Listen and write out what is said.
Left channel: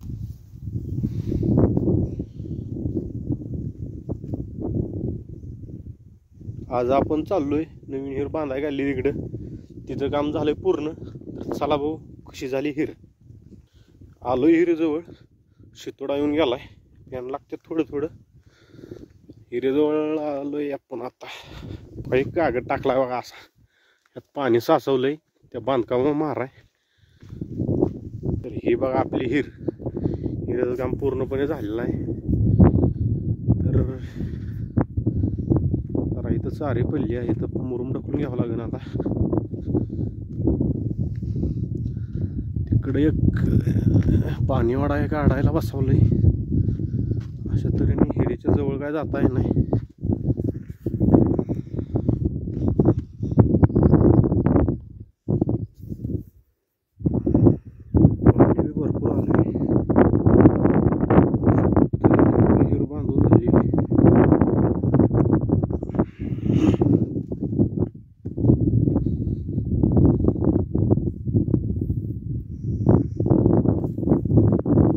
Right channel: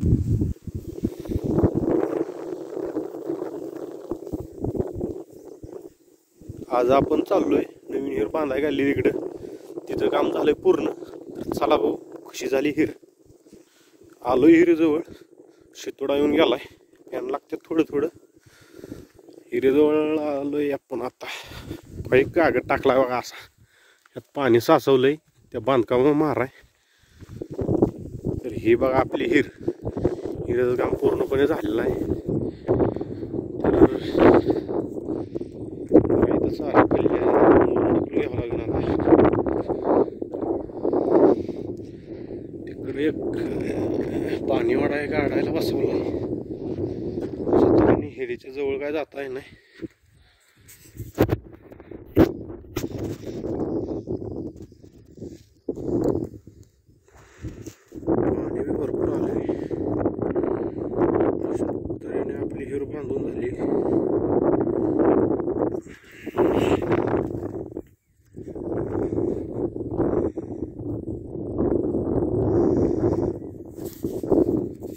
आज आपण चाललोय नवीन हिर बांधाय घालली तिकडं. तिथं काम झालंय पूर्ण. तर चला भाऊ कशी झाली हिर. आलोय हिरेजवळ. शितोडा येऊन गेलाय. फॅन लागते थोडं थोडं. हिरेजवळ आलोय आपण आता. काही कागद टाकलाय बघा असा. यात पाणी साचवलंय त्या बांधकामा माराय. तर ही बघा आपली हिर. हिरेचं काम पूर्णपणे झालेलं आहे. तर सारी पल्ली आहे मोरून ढकलून घ्यावं लागेल आता. तिकडे एक पाणीवाडा आहे काढायला बसवलंय. हिरीच्या जवळ काय जाता येत नाही. पाणी बी भरपूर आलंय. आपली हिर बांधून झाली.